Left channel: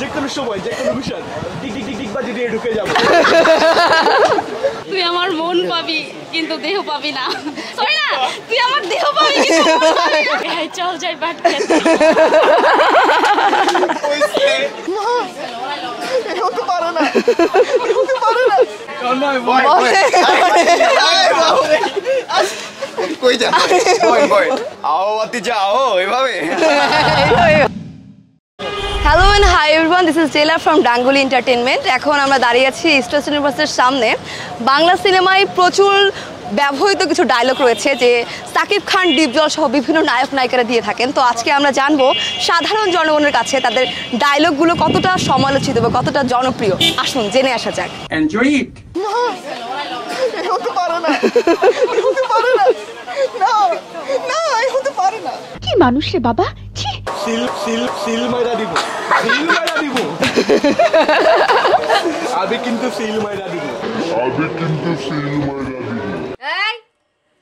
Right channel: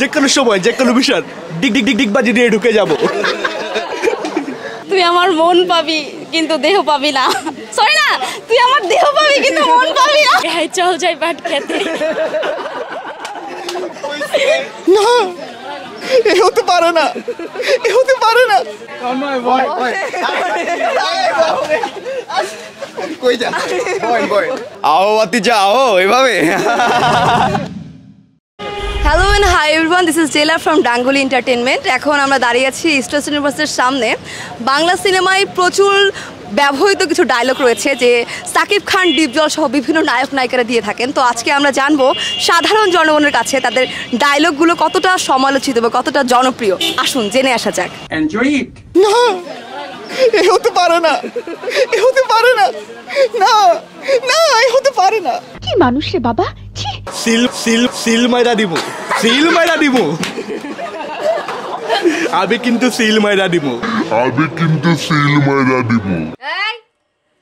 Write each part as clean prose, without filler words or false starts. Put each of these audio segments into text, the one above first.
যে কোনো সময় যে কোনো বিষয় ডিগ ডিগ ডিগ ডিগ বাজি দিয়ে ঢুকে যাব। তুই আমার মন পাবি কিন্তু দেহ পাবি না। সরি না, তুই আমার দেহ পাবি কিন্তু মন পাবি না। এই চল যাই বাট খেতে। না এ হতে পারে না, এ হতে পারে না। নয় বয় কই যা বয় বয় আও আতিজা আও এভাবে। Hello and hi everyone, this is জেলা ফ্রম ডাঙ্গুলি এন্টারটেনমেন্ট। এখন আমরা দাঁড়িয়ে আছি স্টার সিনেমাসের সামনে। বাংলা সিনেমায় প্রচুর ব্যবহৃত কিছু ডায়লগ রয়েছে যে সাকিব খান, ডিপজল সহ বিভিন্ন নায়ক নায়িকারা দিয়ে থাকেন। তো আজকে আমরা জানবো সাধারণ জনগণের কাছে তাদের ডায়লগগুলো কতটা সমালোচিত বা কতটা জনপ্রিয়। আসুন জেনে আসা যাক। না এ হতে পারে না, এ হতে পারে না, না না এ হতে পারে না। কি মানুষ রে বাবা, সিল সিল সিল মাইরা দিব, সিল মাইরা দিব। আমি কিন্তু সিল মাইরা দিব, আমি কিন্তু সিল মাইরা দিব। এই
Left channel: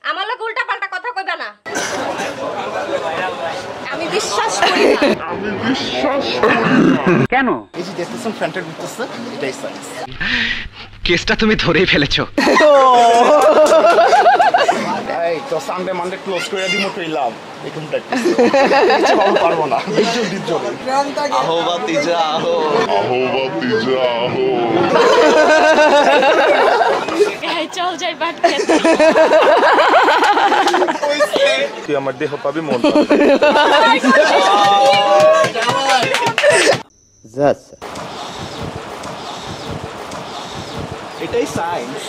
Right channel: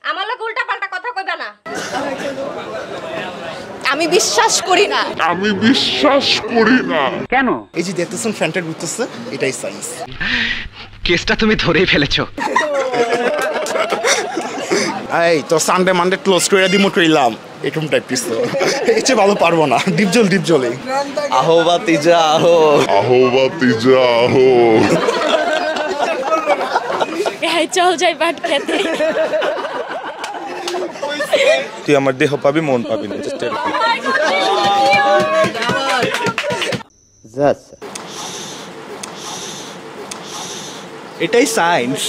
আমার লোক উল্টা পাল্টা কথা কইবা না, আমি বিশ্বাস করি না। আমি বিশ্বাস করি না। কেন? এই যে দেখতেছেন ফ্যান্টার ঘুরতেছে, এটাই সায়েন্স। কেসটা তুমি ধরেই ফেলেছো। এই তো সানডে মানডে ক্লোজ করে দিব কইলাম, এরকম প্র্যাকটিস কিছু ভালো পারবো না। ডিপজল ডিপজলে আহো বাতিজা আহো, আহো বাতিজা আহো। এই চল যাই বাট খেতে। তুই আমার দেহ পাবি মন পাবি। এটাই সায়েন্স।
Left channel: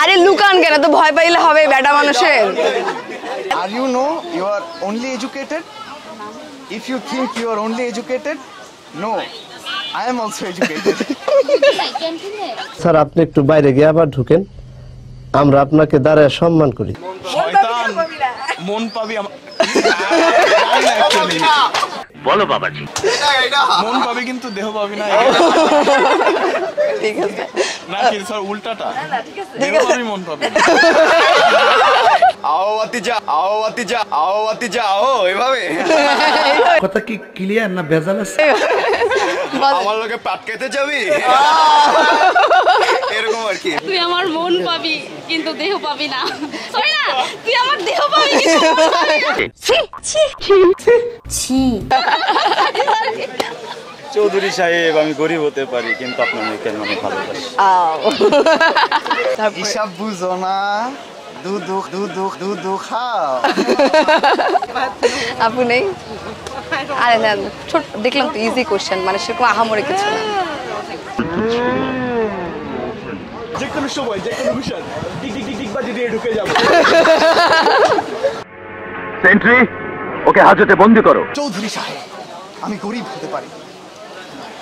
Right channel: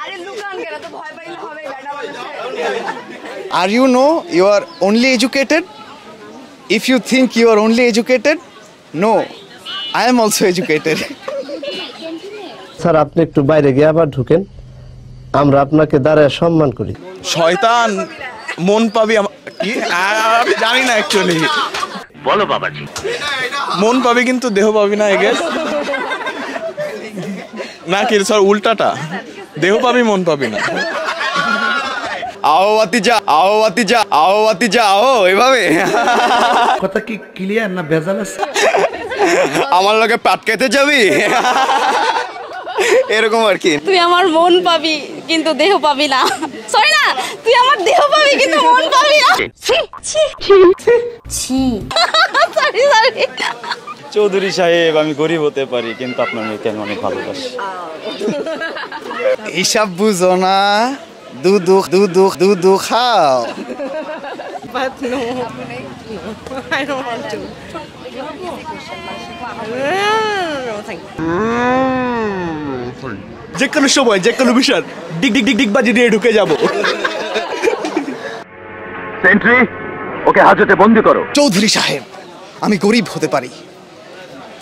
আরে লুকান কেন, তো ভয় পাইলে হবে বেটা মানুষের। Are you know you are only educated? If you think you are only educated, no, I am also educated. Sir আপনি একটু বাইরে গিয়ে আবার ঢুকেন, আমরা আপনাকে দাঁড়ায় সম্মান করি। শয়তান মন পাবি জানি না অ্যাকচুয়ালি। বলো বাবাজি। মন পাবি কিন্তু দেহ পাবি না। এগে না কি স্যার উল্টাটা, দেহ পাবি মন পাবি না। আও আতিজা আও আতিজা আও আতিজা আও এভাবে। কথা কি ক্লিয়ার না ভেজাল আছে? আমার লগে পাটকাইতে যাবি এরকম আর কি। তুই আমার মন পাবি কিন্তু দেহ পাবি না। সরি না, তুই আমার দেহ পাবি কিন্তু মন পাবি না। ছি ছি ছি। চৌধুরী সাহেব, আমি গরিব হতে পারি কিন্তু আপনার মেয়েকে আমি অনেক ভালোবাসি। হিসাব বুঝো না, দুধ খাও। আপু নেই? আরে না, ছোট দেখলাম তো ইজি কোশ্চেন, মানে সেরকম আহামরি কিছু না। যে কোনো সময় যে কোনো বিষয় ডিগ ডিগ ডিগ ডিগ বাজি দিয়ে ঢুকে যাব। সেন্ট্রি, ওকে হাজতে বন্দি করো। চৌধুরী সাহেব, আমি গরিব হতে পারি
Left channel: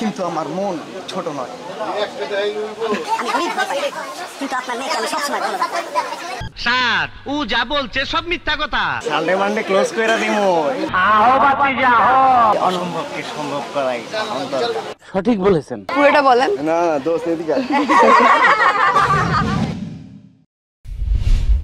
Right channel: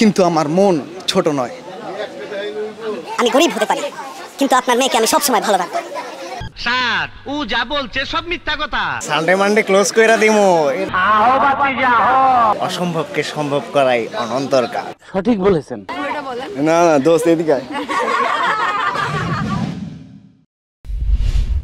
কিন্তু আমার মন ছোট নয়। আমি গরিব হতে পারি কিন্তু আপনার মেয়েকে আমি সবসময় ভালোবাসি। স্যার, ও যা বলছে সব মিথ্যা কথা। সানডে মানডে ক্লোজ কইরা দিমু। আহো বাতিজা আহো। অসম্ভবকে সম্ভব করাই অনন্তর কাজ। সঠিক বলেছেন। পুরোটা বলেন। না দোস্ত এদিকে